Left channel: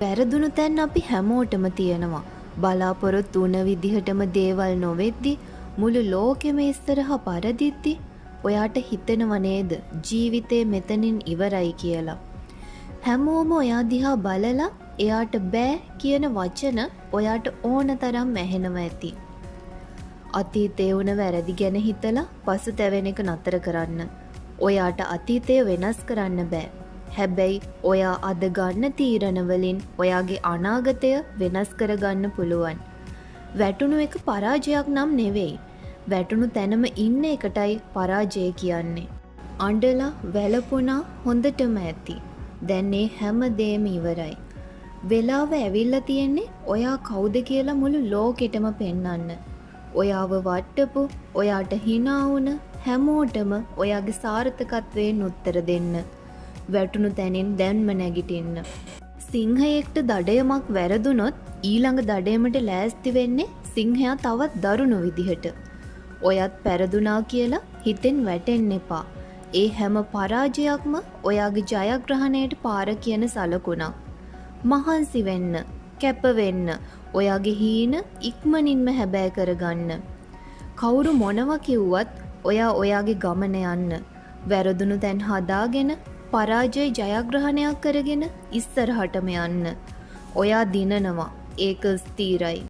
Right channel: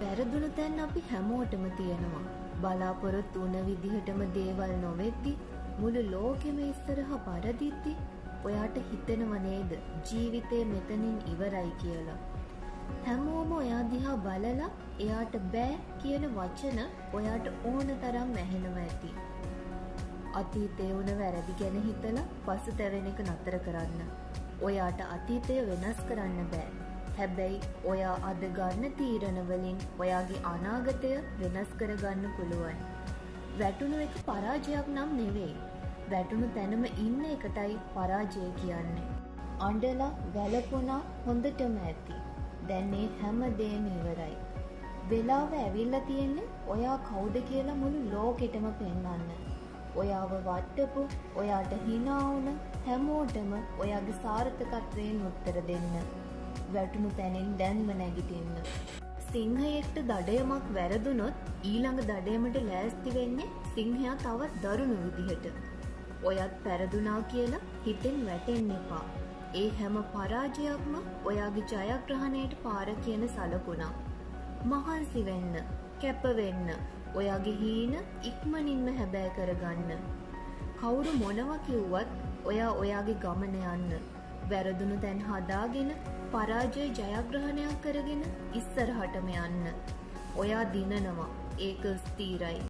වැරදුණු තැන් අපි හැමෝටම තියෙනවා. බලාපොරොත්තු වුණ විදිහටම දේවල් නොවෙද්දි මුළු ලෝකෙම ඉස්සරහා පරදිද්දි ඔයාට හිතෙනව නේද ජීවිතේ මෙතනින් ඉවරයි කියලා. හැමෝම ඔයා දිහා බලලා එයාට බෑ කියන වචන ඔයාට ඕන තරම් ඇහෙනවා ඇති. අතීතේ වුණ වැරදි ගැන හිතලා පසුතැවෙන එක නතර කරන්න. ඔයාට අතීතය වෙනස් කරන්න බෑ. හැබැයි ඔයා අද ගන්න තීරණ වලින් ඔයාගේ අනාගතය වෙනස් කරගන්න පුළුවන්. වැටුණු එක පරාජයක් නම් නෙවෙයි. වැටුණු තැනම ඉන්න එකටයි පරාජය කියන්නේ. අඬලා වැළපුණා හොඳටම ඇති. දැන් මේ හැම දෙම ඉවරයි. වෙලාව ඇවිල්ලා තියෙන්නේ ඔයා කවුද කියලා මුළු ලෝකෙටම පෙන්වන්න. ඔයාව වට්ටපු, ඔයාට hina වුණ හැමෝටම ඔයාගේ සාර්ථකත්වයෙන් උත්තර දෙන්න. වැටුණු තැනින් දැන්ම නැගිටින්න. සිංහයෙක්ට දඩයමක් වැරදුනොත් ඊළඟ දඩයමට ලෑස්ති වෙන්නේ සිංහයා තවත් දරුණු විදිහට. ඔයත් පෙරදුනා කියලා හිතෙන් වැටෙන්න එපා. ඒ හැම පරාජයක්ම ඔයාගේ ජයග්‍රහණයට පාර කියන සලකුණක්. මහන්සි වෙන්න, කැප වෙන්න, ඔයාගේ හීන ඉක්මනින්ම හැබෑ කරගන්න. කවුරු මොනවා කිව්වත් ඔයා ඔයාගේ ගමන යන්න. වැරදුණු තැන් හදාගෙන පරාජය ජයග්‍රහණයක් කරගෙන ඉස්සරහටම යන්න. ඔයා දිනනවා. ඒක ස්ථිරයි.